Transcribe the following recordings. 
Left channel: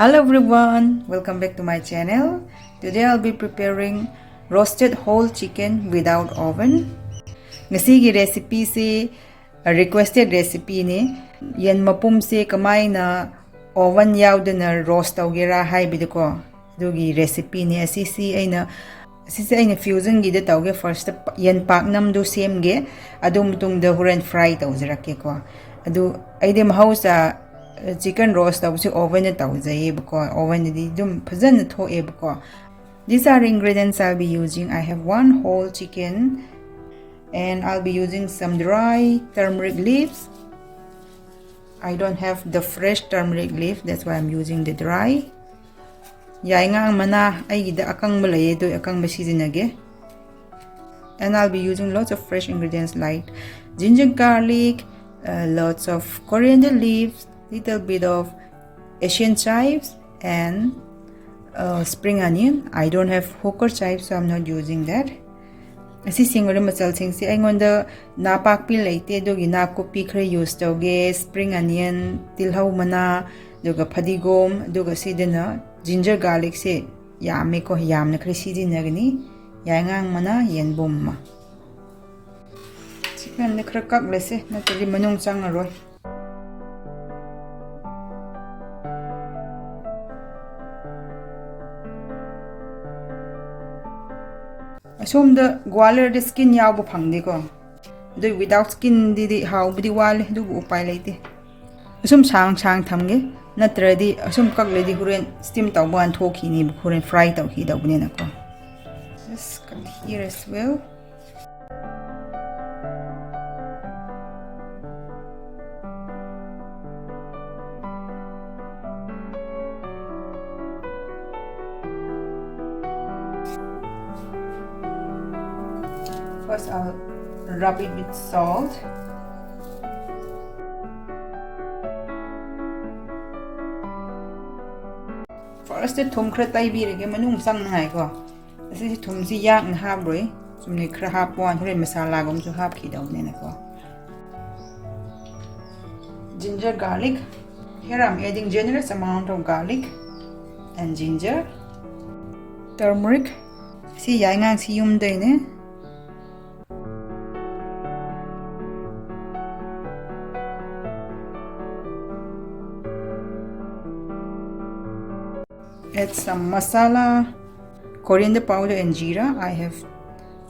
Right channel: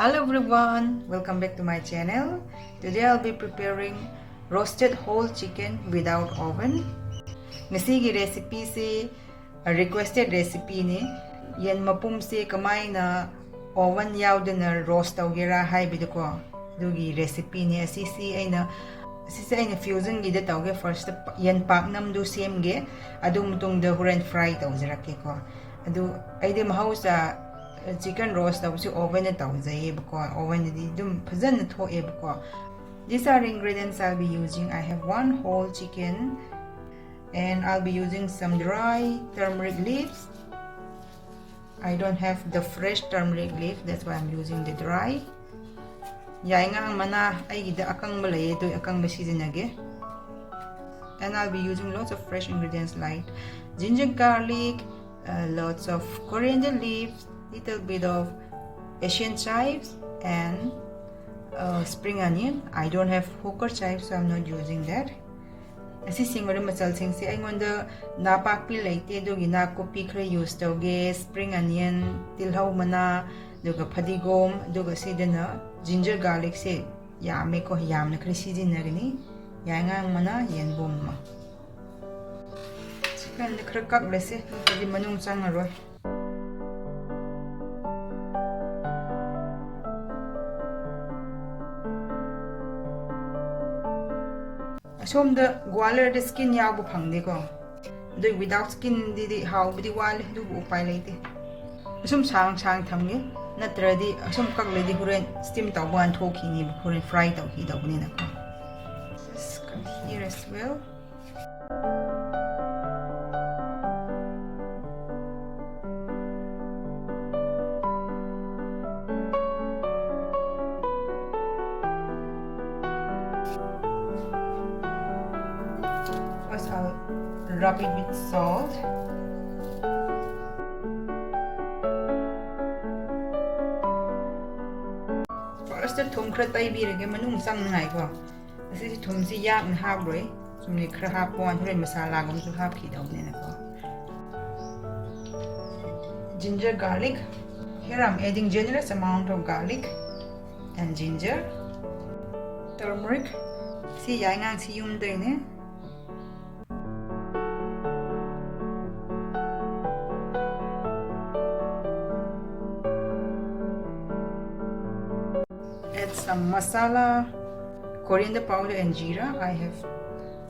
Hello everyone, welcome back to my channel. Today I'll be preparing roasted whole chicken without oven. Ngasigi recipe se requested recipe ni yan mapum se kamay na oven yaudana roast tawgira haibidako. Dugi recipe ni asisi aina fusion gida tawge first yan paknam do same ge adum tung da huren fry tawjirake ko. Adu aide mahausa chicken roast tawsi oven na tawjaye bako oven di dum phajana thoe bako. These are ingredients I'll be using. I have one whole chicken and I'll be using some dry turmeric leaves. I don't have the fresh turmeric leaf, that's why I'm using the dry. Yai nga mana ay gida akang malay do akang basizinage. And I'll be using lots of fresh ingredients like ginger garlic, lots of coriander leaves, little bit of Asian chives and spring onion. I don't have hooker chives, so I'm not using that. Asi singari masal sing si aingonda napakpi laite dogi nakupi khre use toge spring onion tilhau mana doga phadigom doga sidena ginger garlic se yame ko yamna khre sidinagni yangang mana yenbom ma chicken ne khre kak lese na tili manung changaroi. Assume the gualer the skin yabu pangdi ko. Do without skin di how bidi wale do upay laiti. Assume sang thamge natradi assume kak ledi huren steam tawban thoki ni huren fry taw hi dawne na ko. Just cut here as well. First I'll rub it with salt. First the thum khra tai bi rege manung sang ngai ko. Asi thum si yak na hab roi. Sumne khra hab pon thore masala gom su hab ki daw ne na ko. Ginger garlic. Here I'm adding generous amount of garlic and ginger. Turmeric. Si yai ngang si yum dai ne. Add some masala, coriander powder and jeera. I have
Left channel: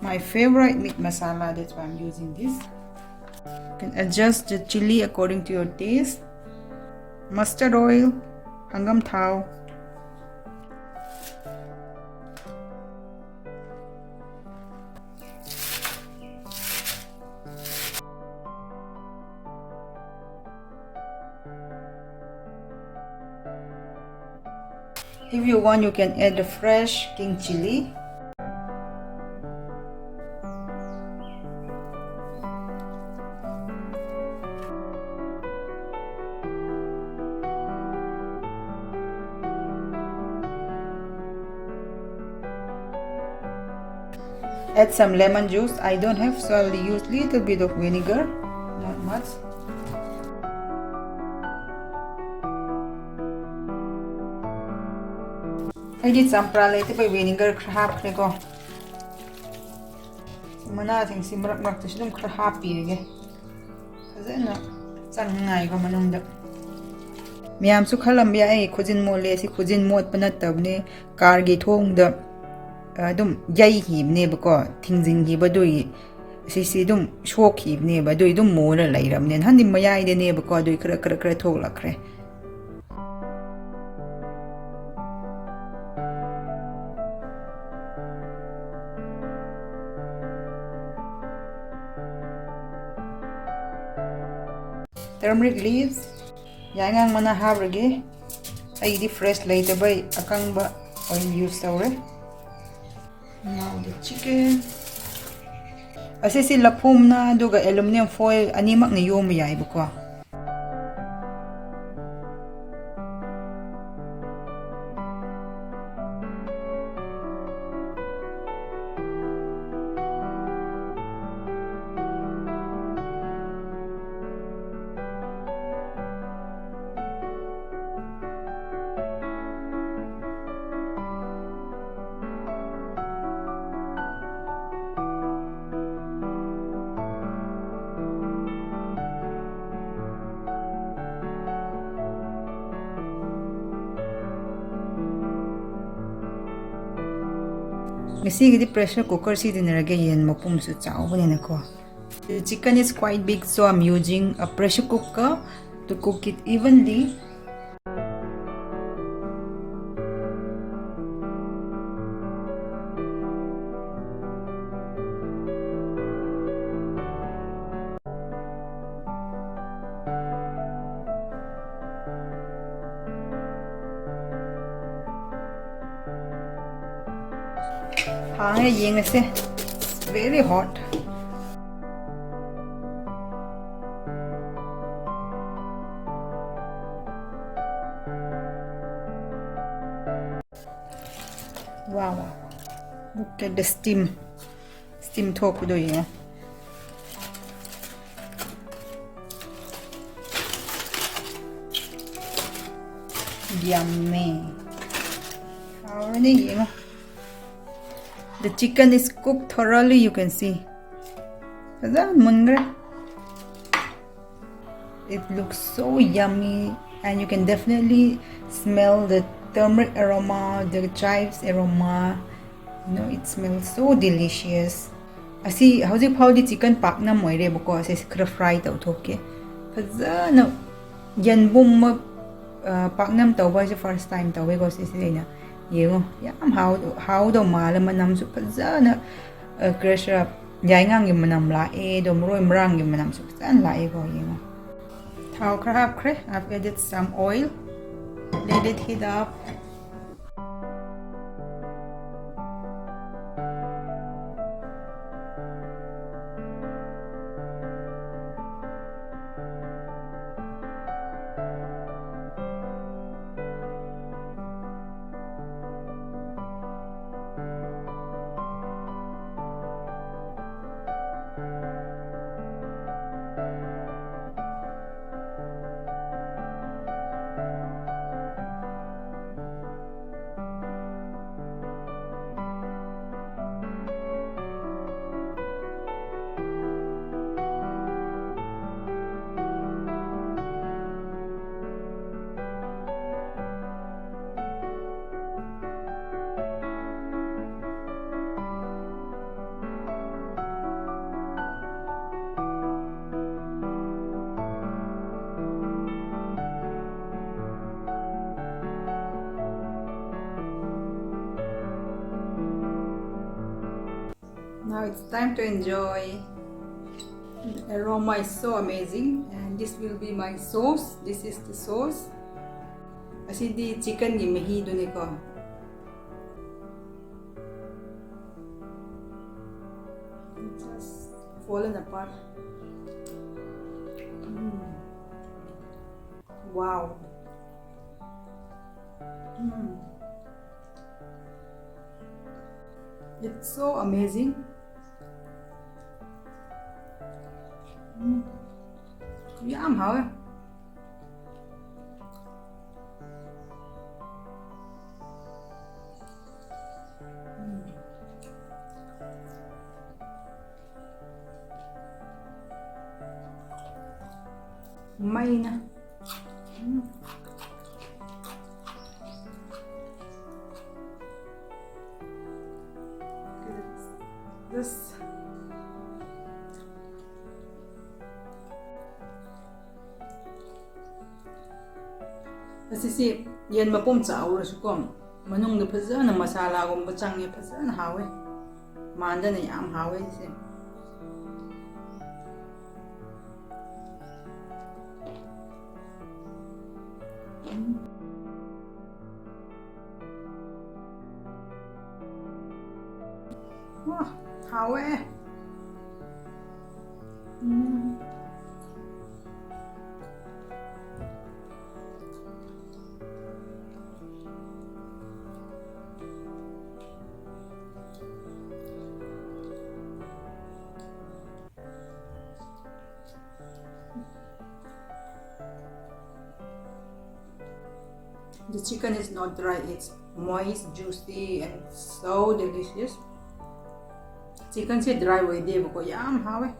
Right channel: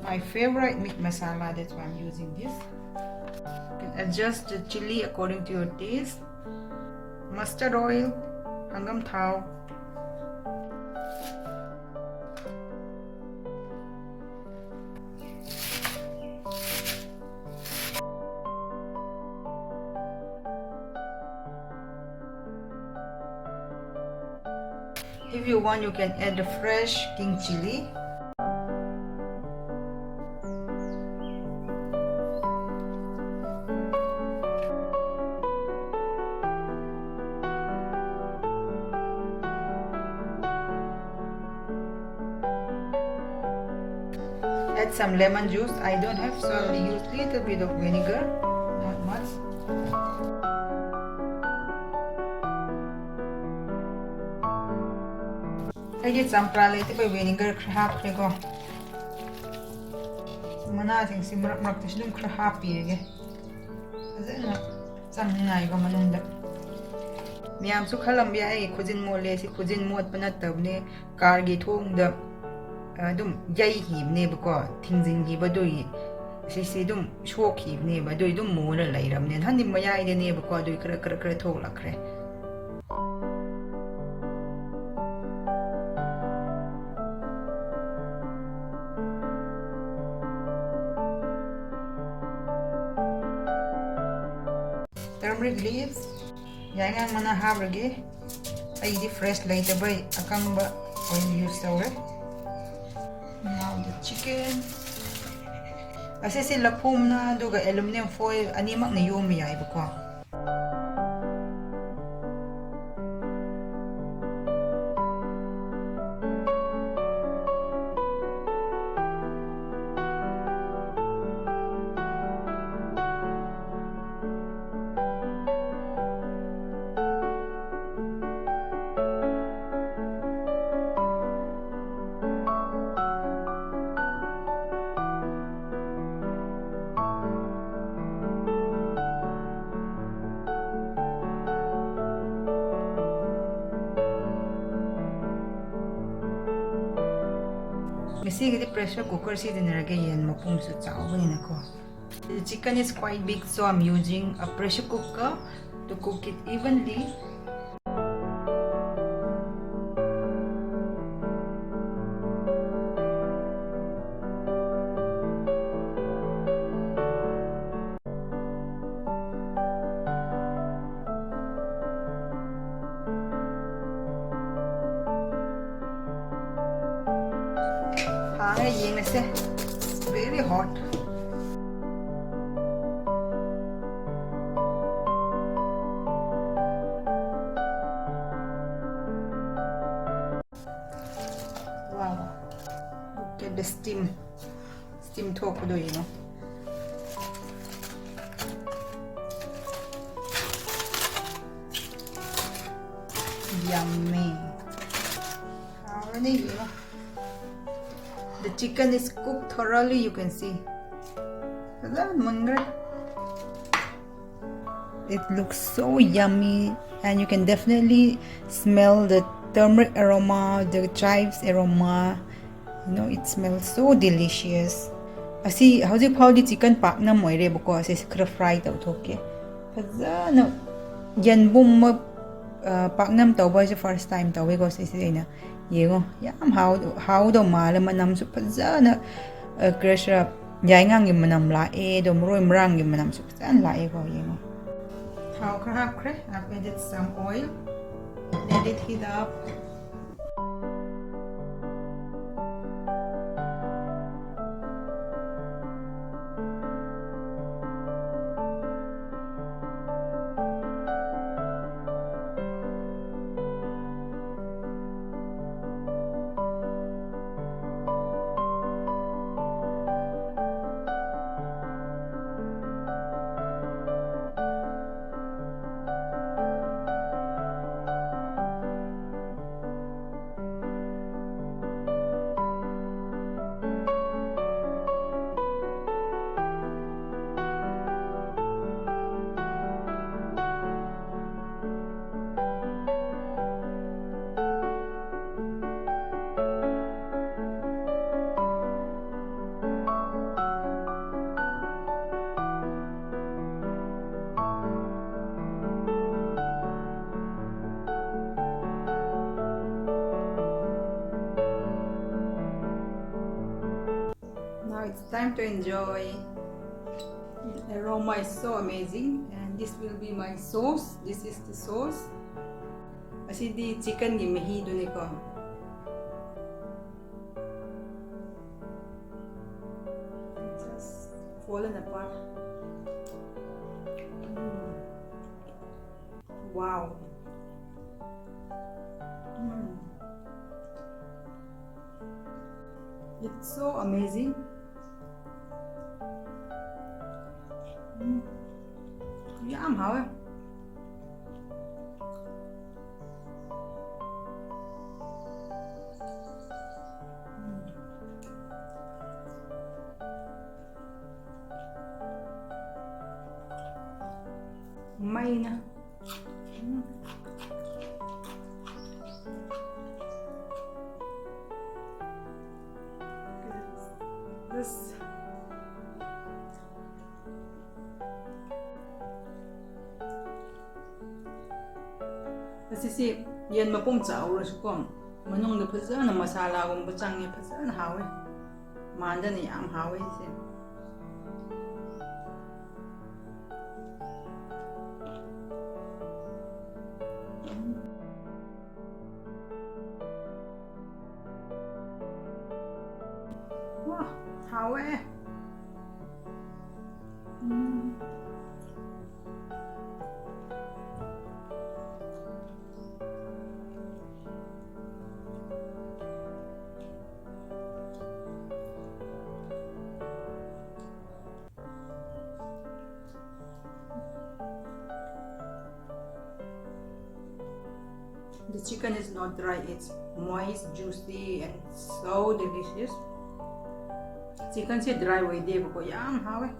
my favorite meat masala, that's why I'm using this. You can adjust the chili according to your taste. Mustard oil, hangam thao. If you want, you can add the fresh king chili. Add some lemon juice. I don't have, so I'll use little bit of vinegar, not much. I did some pralate by vinegar crab go. Manating simrak mak to sinum crab pige. Then sang go manunda. Miam su kalambia a cousin mo lazy cousin mod panatabne cargi home the dum yai heap neighbor things in hibadui. Si dum shock heap neighbor do dum more later and handy my the neighbor god do crack. Turmeric leaves, yangang mana habrage. I di fresh later by akang ba oil use tawre. Now the chicken. Asisi lapum na duga aluminum foil animak na yum yai buko. Ngasi pressure cooker sizinarage yen mapum su chawbani nako. The chicken is quite big, so I'm using a pressure cooker to cook it evenly. It's very hot. Wow, look at the steam top do you. Yummy. Already, the chicken is cooked thoroughly, you can see. It looks so yummy, and you can definitely smell the turmeric aroma, the chives aroma. It smells so delicious. Asi howji phawdi chicken pakna moire bako ase khra fry taw thoke. Fazana yanbum paknam tawba je first time tawe ko ase ina. Yengo yam how do mala manam su fazana crusher yaingang gi manam la e do mroi mrang gi manam su fazan la e ko yengo. I've added some oil. Let it heat up. Now it's time to enjoy. The aroma is so amazing, and this will be my sauce. This is the sauce. Asi di chicken gi mehi do ko. Just fallen apart. Wow. It's so amazing. Yum, how? Mine. This. Kasi yan mapum chaw su kom manung da phazana masala gum ba change phazana hawe manda na yam hawe se wow hawe. The chicken is not dry, it's moist, juicy, and so delicious. Chicken se dry way de ko yam hawe.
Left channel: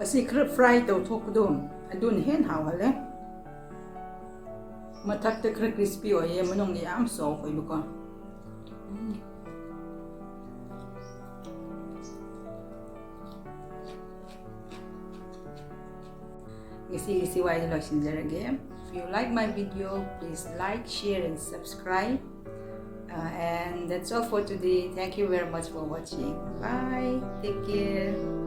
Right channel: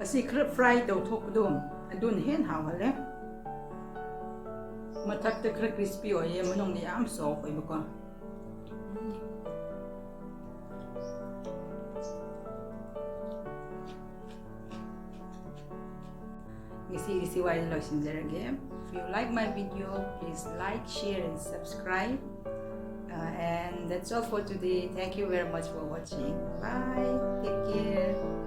Asi khra fry to thok dum adun hen haw hale mathak te khra crispy oye manong ni am soft oi bako ngisi wai lo sinjarage. If you like my video, please like, share and subscribe. And that's all for today. Thank you very much for watching. Bye. Take care.